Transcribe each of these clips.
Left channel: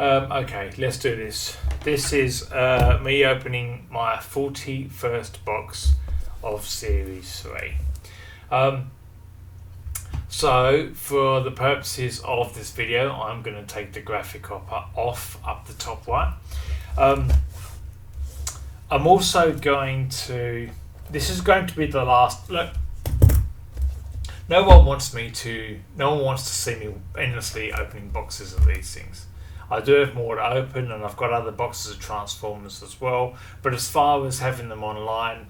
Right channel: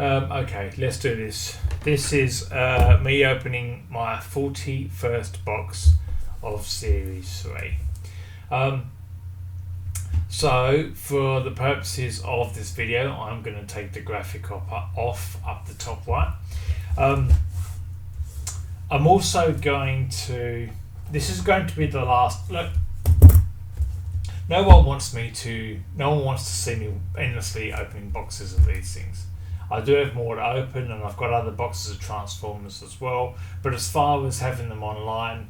Okay, let's do this. This is me opening my 41st box of Series 3. So, for the purposes of this video, I'm going to take the graphic off up the top right. I'm also going to... This is going to be the last... Look, no one wants to see me endlessly opening boxes of these things. I do have more to open, and I've got other boxes of Transformers as well. But as far as having them online,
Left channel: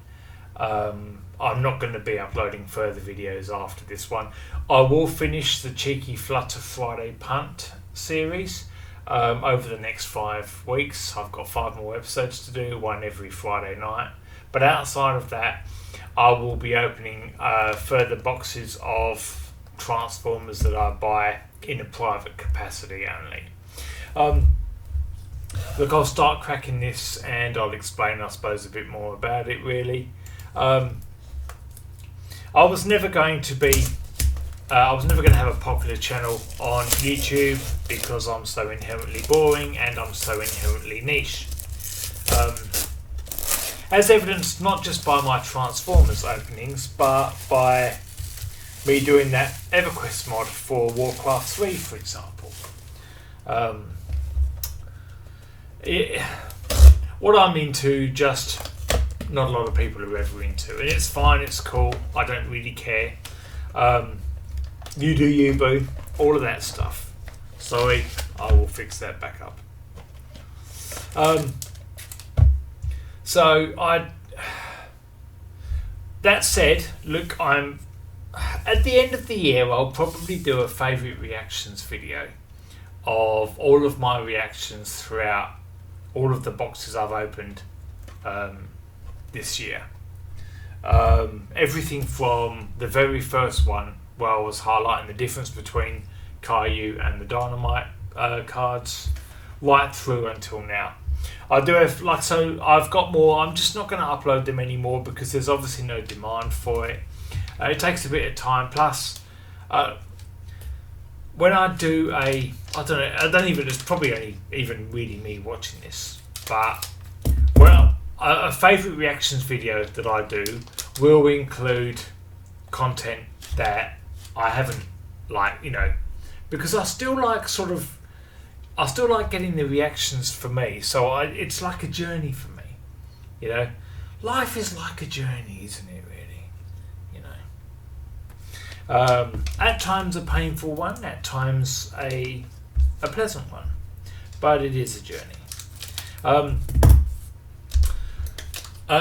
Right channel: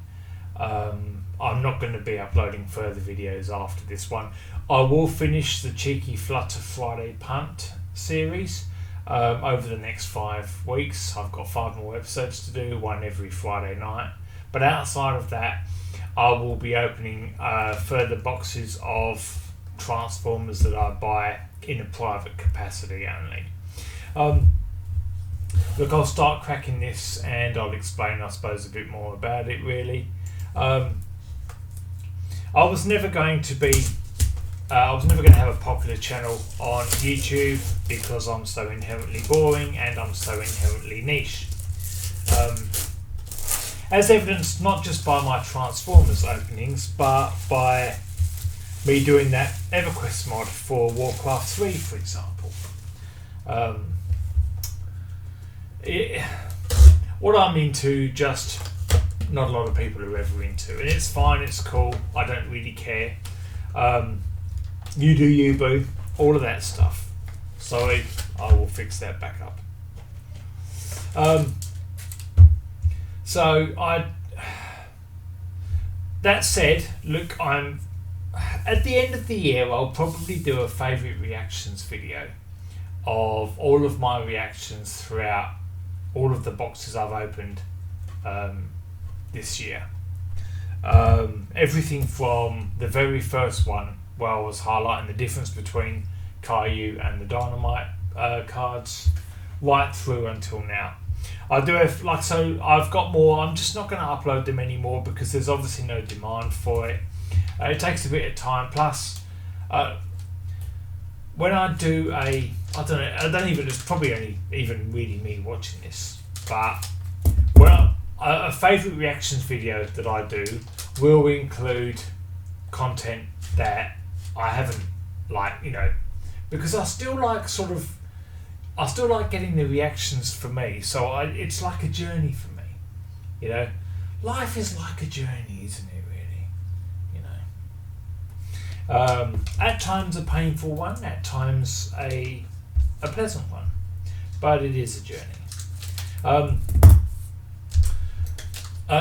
I'm not going to be uploading further videos after this one. I will finish the Cheeky Flutter Friday Punt series over the next 5 weeks. I've got 5 more episodes to do, one every Friday night. But outside of that, I will be opening further boxes of Transformers that I buy in a private capacity only. Look, I'll start cracking this and I'll explain, I suppose, a bit more about it really. I was never going to have a popular channel on YouTube because I'm so inherently boring and I'm so inherently niche. As evidenced not just by my Transformers openings, but by me doing that EverQuest mod for Warcraft 3, for example. What I'm into, just not a lot of people are ever into, and it's fine, it's cool, I don't really care. You do you, boo, all of that stuff. Sorry, I will fix that back up. That said, look, I'm at the end of the year, I'll probably do a favourite reactions video of all of my reactions throughout all of the boxes I've opened this year. Everything from the very first one, where I was highlighting the difference between Kayou and the Dynamite cards, right through until now. I do have, I've got more. I'm just not going to upload them anymore because there's obviously no demand for it. It takes a bit of time. Plus, when I do it's probably only even really me watching this, but a favourite reactions video that I do will include content that I haven't, because I still like getting the reactions for me, so it's like a journey for me, life is like a journey, isn't it, really? At times a painful one, at times a pleasant one, but it is a journey.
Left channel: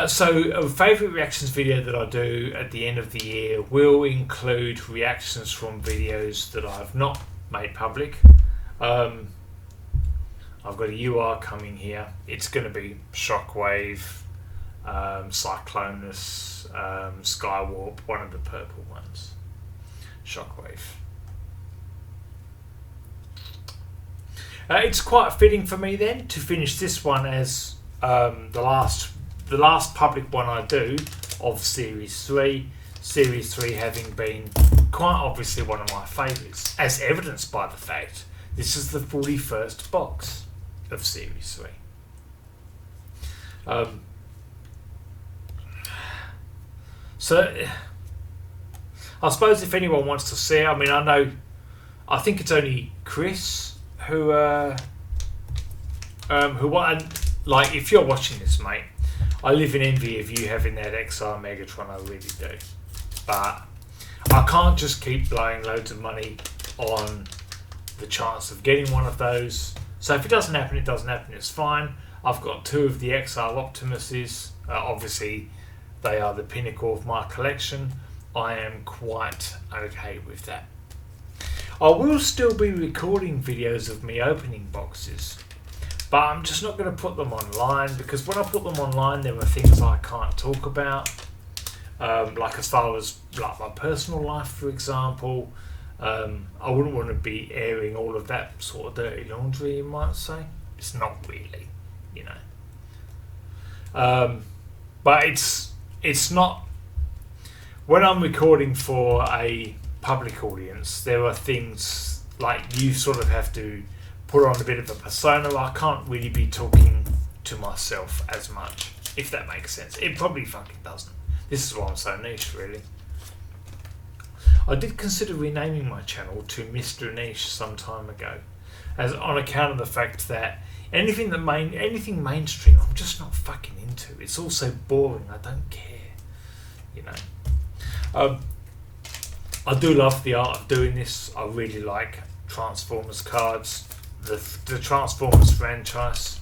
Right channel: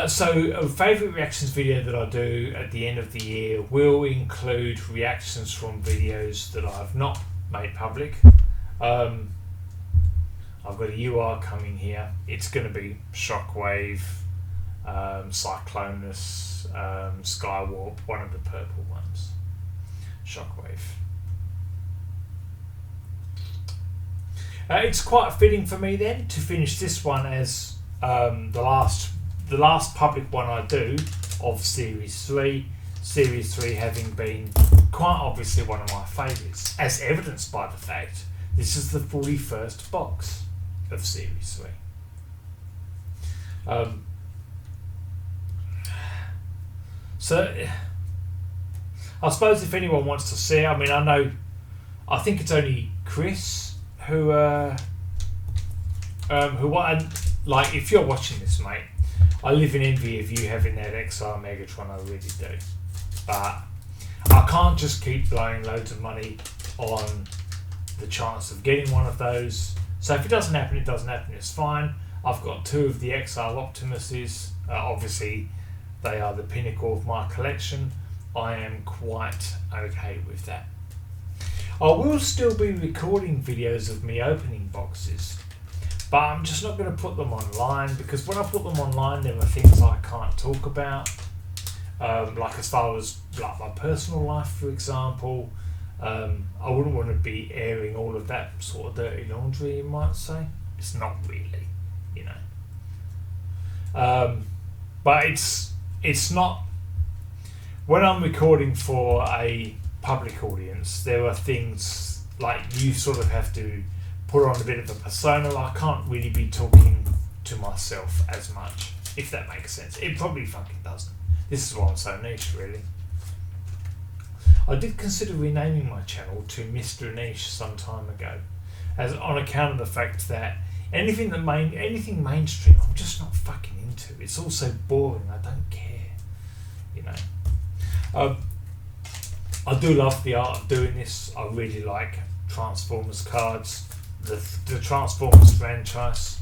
So a favourite reactions video that I do at the end of the year will include reactions from videos that I've not made public. I've got a UR coming here. It's going to be Shockwave, Cyclonus, Skywarp, one of the purple ones. Shockwave. It's quite fitting for me then to finish this one as the last public one I do of Series 3. Series 3 having been quite obviously one of my favourites, as evidenced by the fact this is the 41st box of Series 3. So I suppose if anyone wants to see, I think it's only Chris who if you're watching this, mate, I live in envy of you having that XR Megatron, I really do. But I can't just keep blowing loads of money on the chance of getting one of those. So if it doesn't happen, it doesn't happen, it's fine. I've got 2 of the XR Optimuses. Obviously, they are the pinnacle of my collection. I am quite okay with that. I will still be recording videos of me opening boxes, but I'm just not going to put them online, because when I put them online there are things I can't talk about, as far as my personal life, for example. I wouldn't want to be airing all of that sort of dirty laundry, you might say. It's not really, but it's not. When I'm recording for a public audience, there are things like you sort of have to put on a bit of a persona. I can't really be talking to myself as much, if that makes sense. It probably fucking doesn't. This is why I'm so niche, really. I did consider renaming my channel to Mr. Niche some time ago, as on account of the fact that anything mainstream, I'm just not fucking into. It's all so boring. I don't care, you know. I do love the art of doing this. I really like Transformers cards, the Transformers franchise.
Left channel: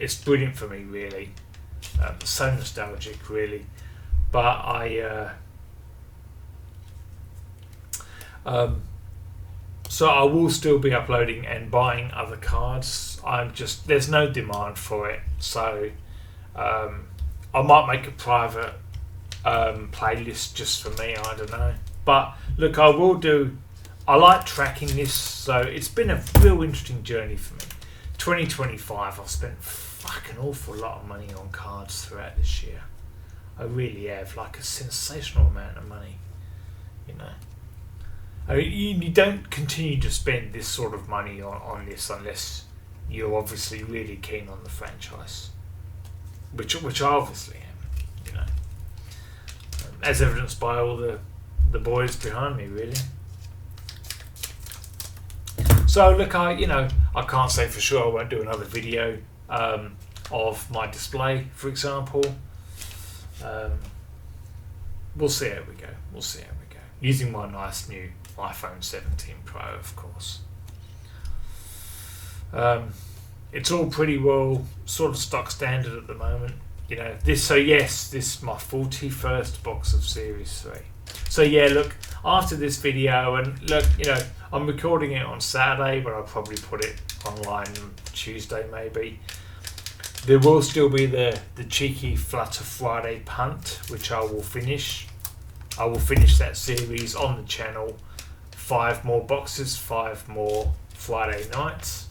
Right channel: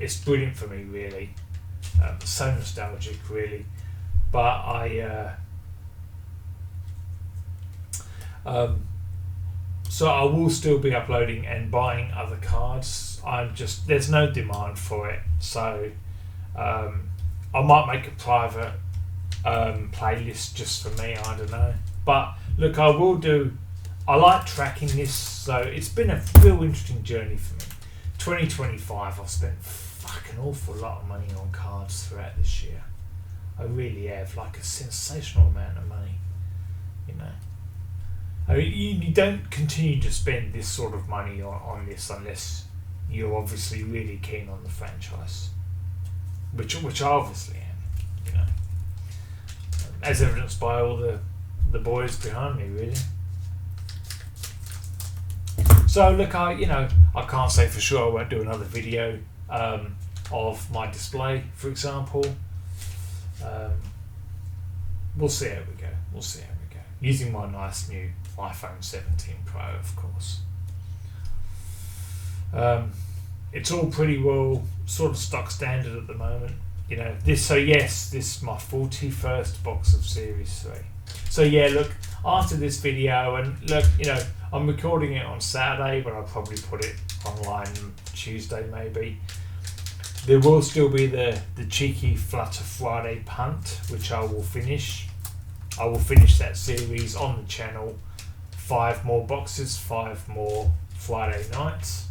It's brilliant for me, really. So nostalgic, really. But so I will still be uploading and buying other cards. There's no demand for it, so I might make a private playlist just for me. I don't know, but look, I like tracking this, so it's been a real interesting journey for me. 2025, I've spent fucking awful lot of money on cards throughout this year. I really have, like a sensational amount of money, you know. I mean, you don't continue to spend this sort of money on this unless you're obviously really keen on the franchise, which I obviously am, you know, as evidenced by all the boys behind me, really. So look, I can't say for sure I won't do another video of my display, for example. We'll see how we go. Using my nice new iPhone 17 Pro, of course. It's all pretty well sort of stock standard at the moment, you know. This is my 41st box of Series 3. So yeah, look, after this video, and look, you know, I'm recording it on Saturday, but I'll probably put it online Tuesday maybe. There will still be the cheeky Flutter Friday punt, which I will finish. I will finish that series on the channel. 5 more boxes, 5 more Friday nights.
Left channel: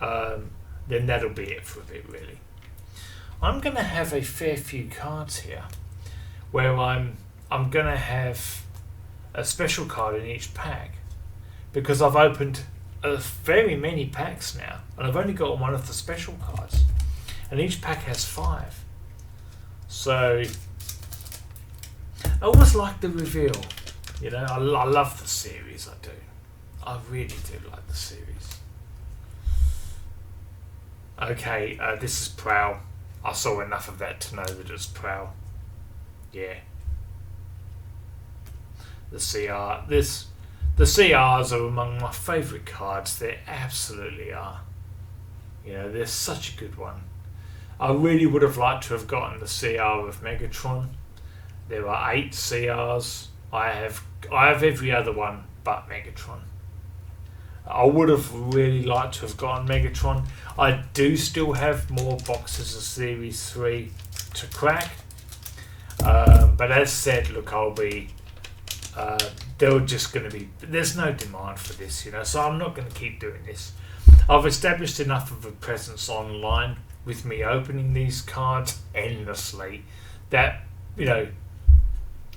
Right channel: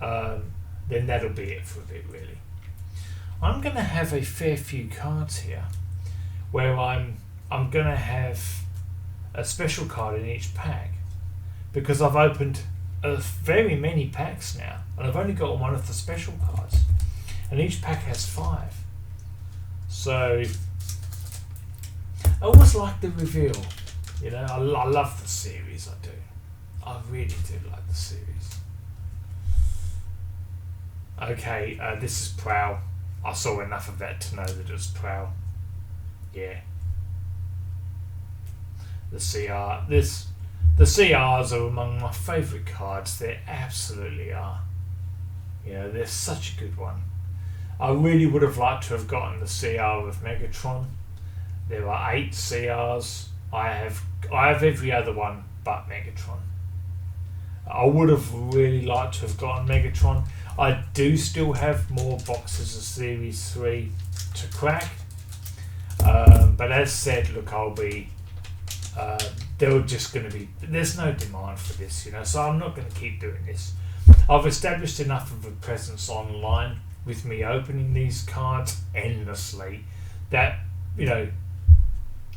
Then that'll be it for a bit, really. I'm going to have a fair few cards here, where I'm going to have a special card in each pack, because I've opened very many packs now, and I've only got one of the special cards, and each pack has 5. So I always like the reveal, you know. I love the series, I do. I really do like the series. Okay, this is Prowl. I saw enough of that to know that it's Prowl. Yeah. The CRs are among my favourite cards. They absolutely are. You know, they're such a good one. I really would have liked to have gotten the CR of Megatron. There are 8 CRs. I have every other one but Megatron. I would have really liked to have gotten Megatron. I do still have more boxes of Series 3 to crack. But as said, look, there's no demand for this, you know, so I'm not going to keep doing this. I've established enough of a presence online with me opening these cards endlessly that, you know,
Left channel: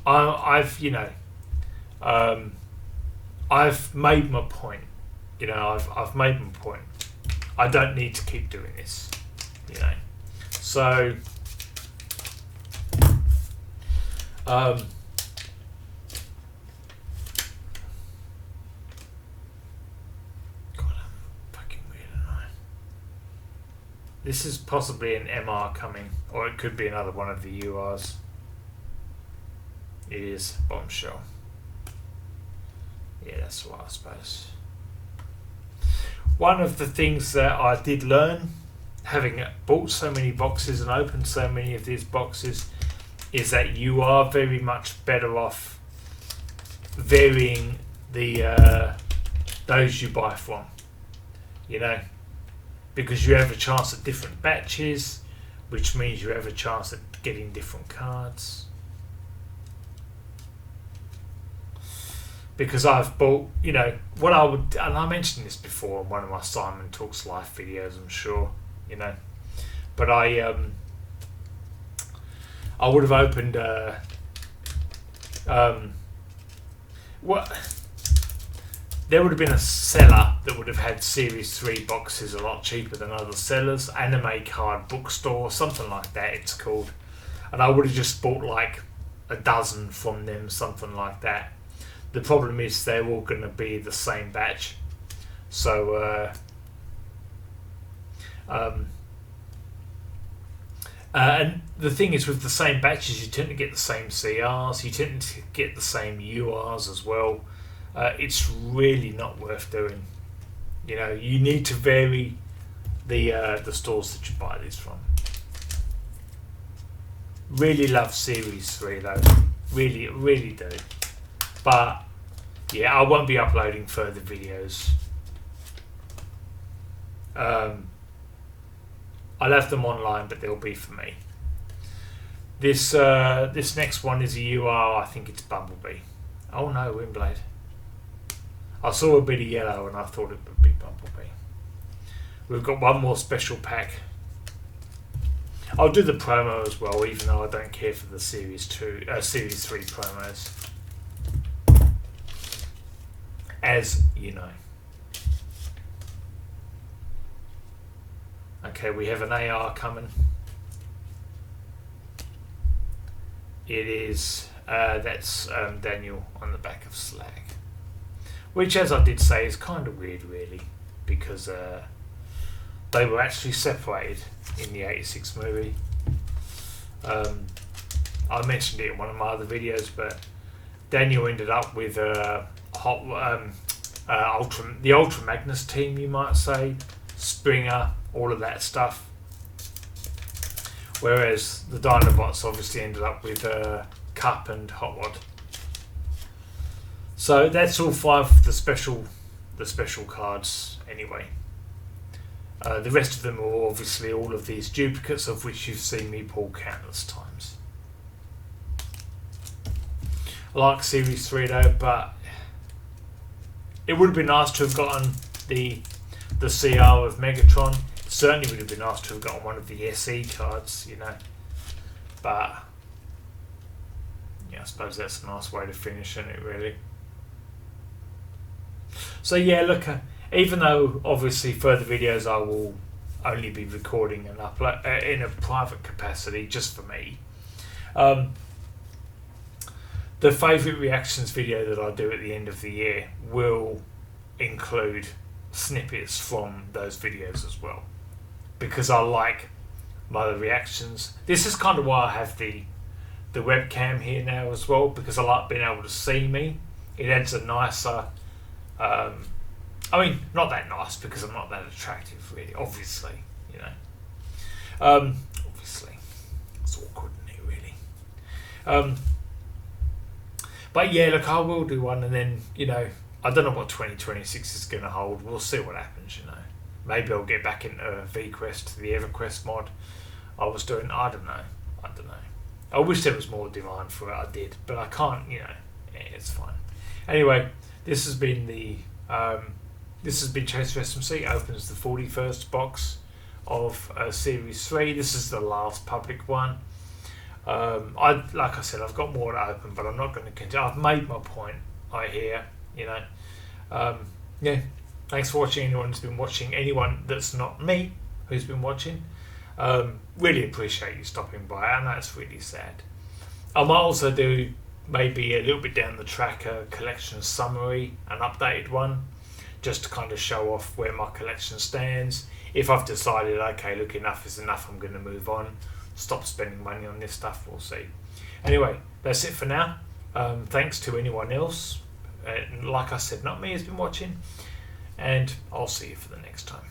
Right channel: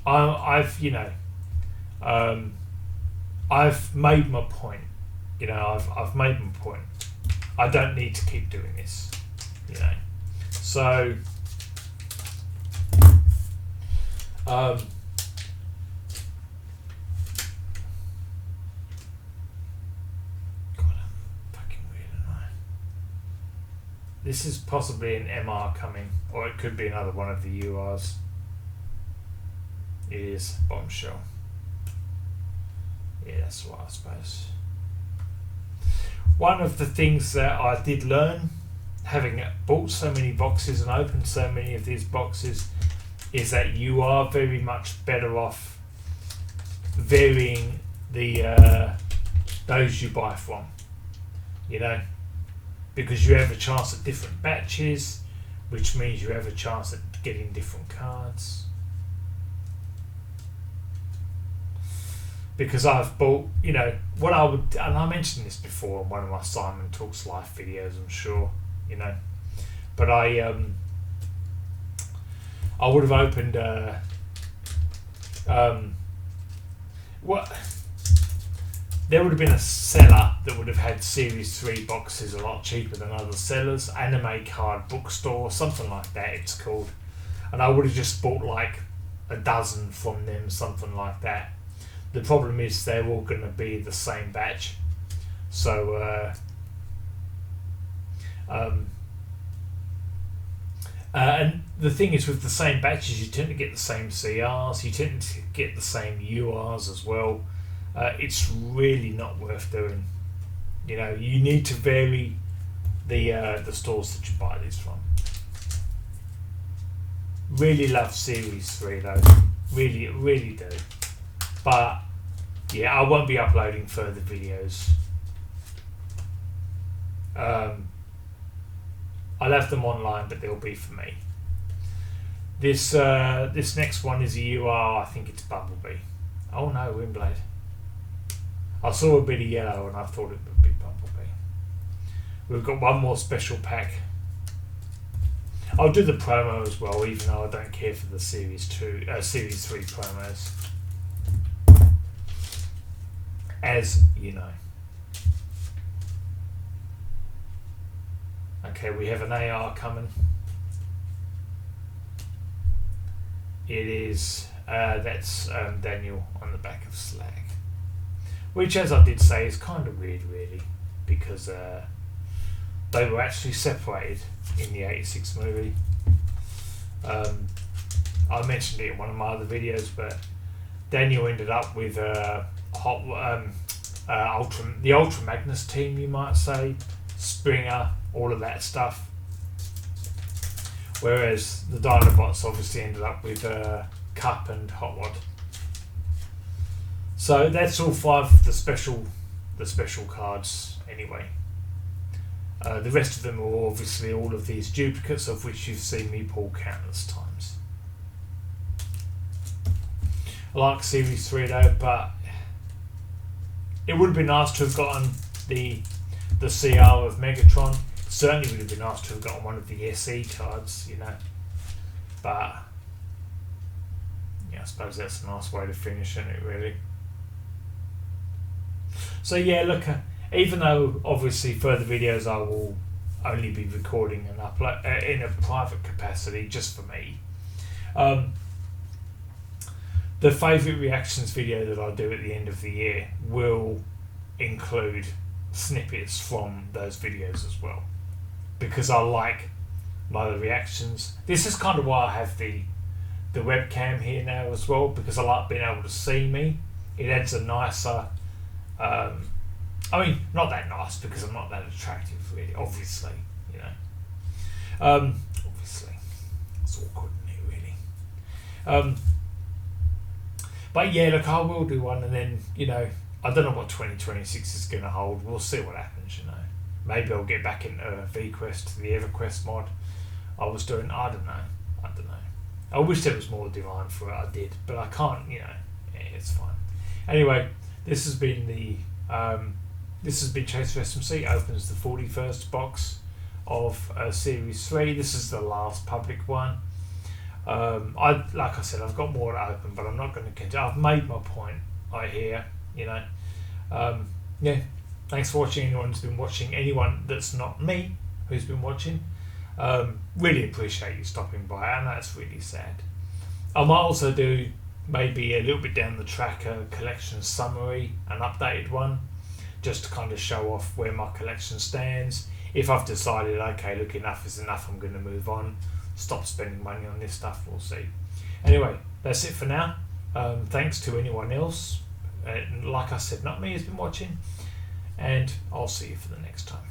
I've made my point. You know, I've made my point. I don't need to keep doing this, you know. So God, I'm fucking weird, aren't I? This is possibly an MR coming, or it could be another one of the URs. It is Bombshell. Yeah, that's what I suppose. One of the things that I did learn, having bought so many boxes and opened so many of these boxes, is that you are very much better off varying the those you buy from, you know, because you have a chance at different batches, which means you have a chance at getting different cards. Because I've bought, you know, what I would, and I mentioned this before in one of my Simon Talks Live videos, I'm sure, you know, but I would have opened there would have been a seller that would have had Series 3 boxes a lot cheaper than other sellers. Anime Card Bookstore, something like that it's called. And I would have just bought like a dozen from them, something like that. The problem is they're all going to be the same batch. So, and the thing is with the same batches, you tend to get the same CRs, you tend to get the same URs as well. It's really not worth doing. You know, you need to vary the stores that you buy these from. Really love Series 3 though, really, really do. But yeah, I won't be uploading further videos. I'll have them online, but they'll be for me. This next one is a UR. I think it's Bumblebee. Oh no, Windblade. I saw a bit of yellow and I thought it would be Bumblebee. We've got one more special pack. I'll do the promo as well, even though I don't care for the Series 3 promos. As you know. Okay, we have an AR coming. It is, that's Daniel on the back of Slag. Which, as I did say, is kind of weird, really, because they were actually separated in the '86 movie. I mentioned it in one of my other videos, but Daniel ended up with the Ultra Magnus team, you might say, Springer, all of that stuff. Whereas the Dinobots obviously ended up with Cup and Hot Rod. So that's all 5 of the special cards anyway. The rest of them are obviously all of these duplicates, of which you've seen me pull countless times. I like Series 3 though, but it would have been nice to have gotten the CR of Megatron. It certainly would have been nice to have gotten one of the SE cards, you know. But yeah, I suppose that's a nice way to finish, isn't it, really? So yeah, look, even though obviously further videos I will only be recording and upload in a private capacity just for me, the favourite reactions video that I do at the end of the year will include snippets from those videos as well, because I like my reactions. This is kind of why I have the webcam here now as well, because I like being able to see me. It adds a nicer I mean, not that nice because I'm not that attractive, really. Obviously, you know. Obviously, it's awkward, isn't it, really? But yeah, look, I will do one, and then, you know, I don't know what 2026 is going to hold. We'll see what happens, you know. Maybe I'll get back into VQuest, the EverQuest mod I was doing. I don't know. I wish there was more demand for it. I did, but I can't. You know, yeah, it's fine. Anyway, this has been Chase for SMC. Opens the 41st box of Series 3. This is the last public one. Like I said, I've got more to open, but I'm not going to continue. I've made my point. I hear, you know. Yeah. Thanks for watching. Anyone who's been watching. Anyone that's not me who's been watching. Really appreciate you stopping by, and that's really sad. I might also do maybe a little bit down the track a collection summary, an updated one, just to kind of show off where my collection stands. If I've decided, okay, look, enough is enough, I'm going to move on, stop spending money on this stuff, we'll see. Anyway, that's it for now. Thanks to anyone else, like I said, not me, has been watching, and I'll see you for the next time.